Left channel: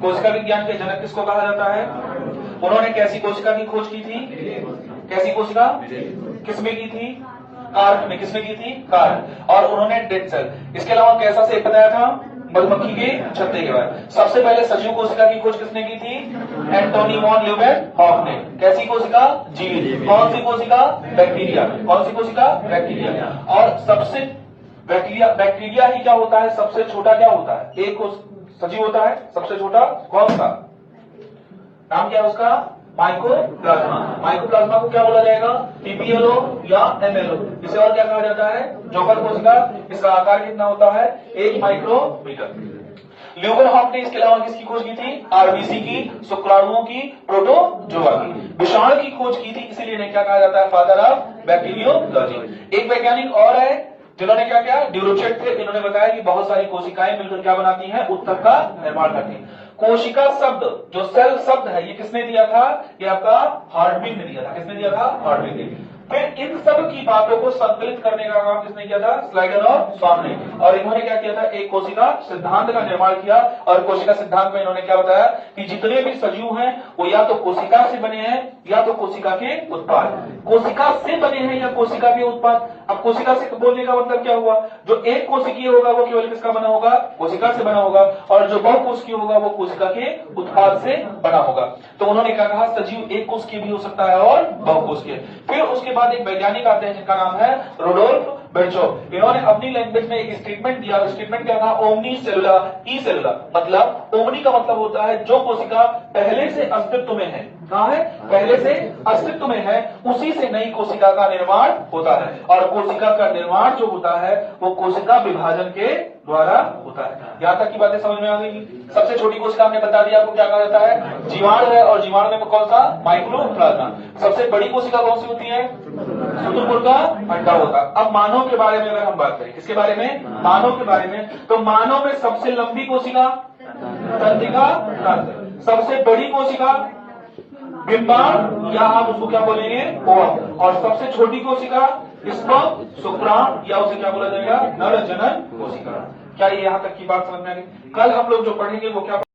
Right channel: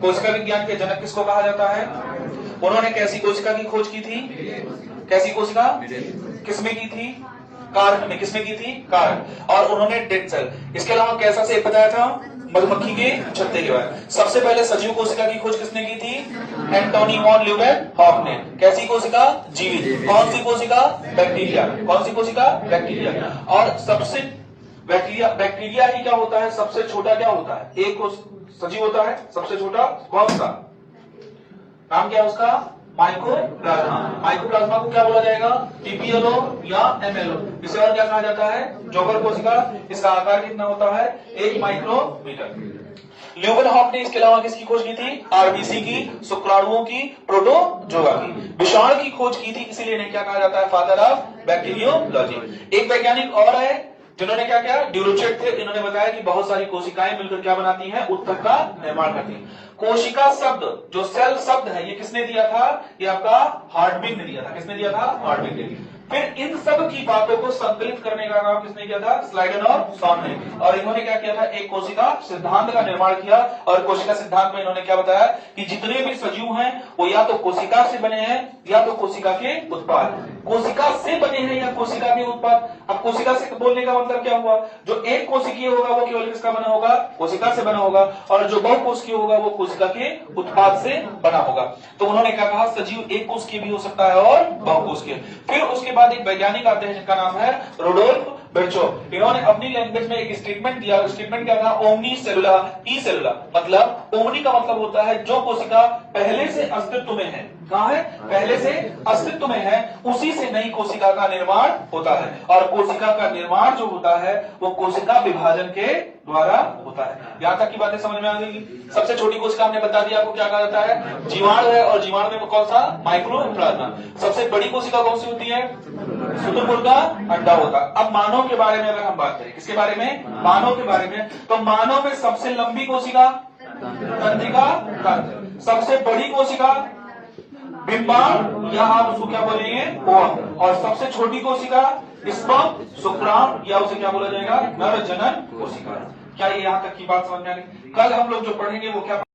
कोशिका विज्ञान के जनक किसको कहा जाता है? उन्होंने कैसी कोशिका की खोज की थी? कैसी कोशिका? किसमें की थी? कार्य में। किसमें की थी? कार्य। और उन्होंने डेड सेल, इसके अलावा कैसा से बताया था? मधुमक्खी के छत्ते के बाद। सबसे पहले सजीव कोशिका की खोज किसने की थी? एंटोनी वॉन ल्यूवेनहॉक ने। कैसी कोशिका? जीवित। कौन सी कोशिका? बैक्टीरिया। कौन सी कोशिका? बैक्टीरिया। और सबसे बैक्टीरिया ही क्या होता है? सबसे छोटा क्या होता है? एक सजीव होता है सबसे छोटा, कौन सा? नाम क्या है उसका? माइकोप्लाज्मा। माइकोप्लाज्मा को क्या बोला जाएगा? टीपीएलओ या एमएलओ। इसे और क्या कहा जाता है? जॉगर कोशिका। इसका आकार कितना होता है? 1 माइक्रोमीटर। ल्यूवेनहॉक ने इसके अलावा किसकी खोज की थी? आरबीसी की, शुक्राणुओं की, प्रोटोजोआ की। विषाणु की खोज की थी, इसीलिए इन्हें क्या कहा जाता है? Father of bacteriology. एक वैज्ञानिक और है जिन्होंने क्या किया? ड्यूरोचेट थे। इन्होंने बताया कि बहुत सारी कोशिकाएं मिलकर क्या बनाती हैं? उत्तक का निर्माण करती हैं। कोशिका शब्द जो सेल शब्द है, ये किसने दिया था? ये आपका हार्टबिग ने दिया था। किसने दिया था? हार्टबिग ने। फिर इन सब की बातों को संकलित करने का काम किसने किया था? स्लाइडन और सॉन ने। और इन्होंने क्या किया था? एक कोशिका सिद्धांत का निर्माण किया। और कोशिका सिद्धांत में इन्होंने क्या बताया कि जितने भी सजीव हैं वो या तो कोशिका से बने हैं या तो कोशिका के उत्पाद। कोशिका से बने हैं या कोशिका के उत्पाद। अब कोशिका से बोलने का मतलब क्या हुआ? जो एक कोशिकीय होगा वो केवल किसका बना होगा? कोशिका से बना होगा। और जो बहुकोशिकीय होगा वो कोशिका के उत्पाद से बना होगा। तो उन्होंने क्या कहा? सजीव एक कोशिकीय भी हो सकता है और बहुकोशिकीय। फिर उसके बाद एक वैज्ञानिक आते हैं जिनका नाम है रुडोल्फ विर्चोव। इन्होंने अपनी लैंग्वेज में एक स्टेटमेंट दिया। स्टेटमेंट क्या था? ओमनी सेलुलर ई सेलुलर। मतलब ओमनी का मतलब होता है जो कोशिका पहले से अस्तित्व में है। कहां है? पहले से अस्तित्व में है, उसी से नई कोशिका का निर्माण होता है। और कोशिका का निर्माण जो होता है वो कोशिका विभाजन के द्वारा होता है। यहां तक की बातें समझ में आ जाएगी। सबसे छोटी कोशिका हमने बता दिया आपको क्या कहा जाता है? जीवाणु है। और जीवाणु में कौन सा? माइक्रोप्लाज्मा। सबसे बड़ी कोशिका कौन सी होती है? शुतुरमुर्ग का अंडा होता है। अब मानव के बारे में अगर हम बात करें, किसके बारे में? मानव के बारे में। तो मानव में सबसे लंबी कोशिका तंत्रिका तंत्र। सबसे बड़ी कोशिका बिंबाणु या आप उसको क्या बोलेंगे? ओवम। और सबसे छोटी कोशिका स्पर्म शुक्राणु या उसे क्या बोला जाएगा? नर जनन कोशिका। क्या ये यहां तक की बात समझ में आ गई? कल हम लोग जो पढ़ेंगे वो क्या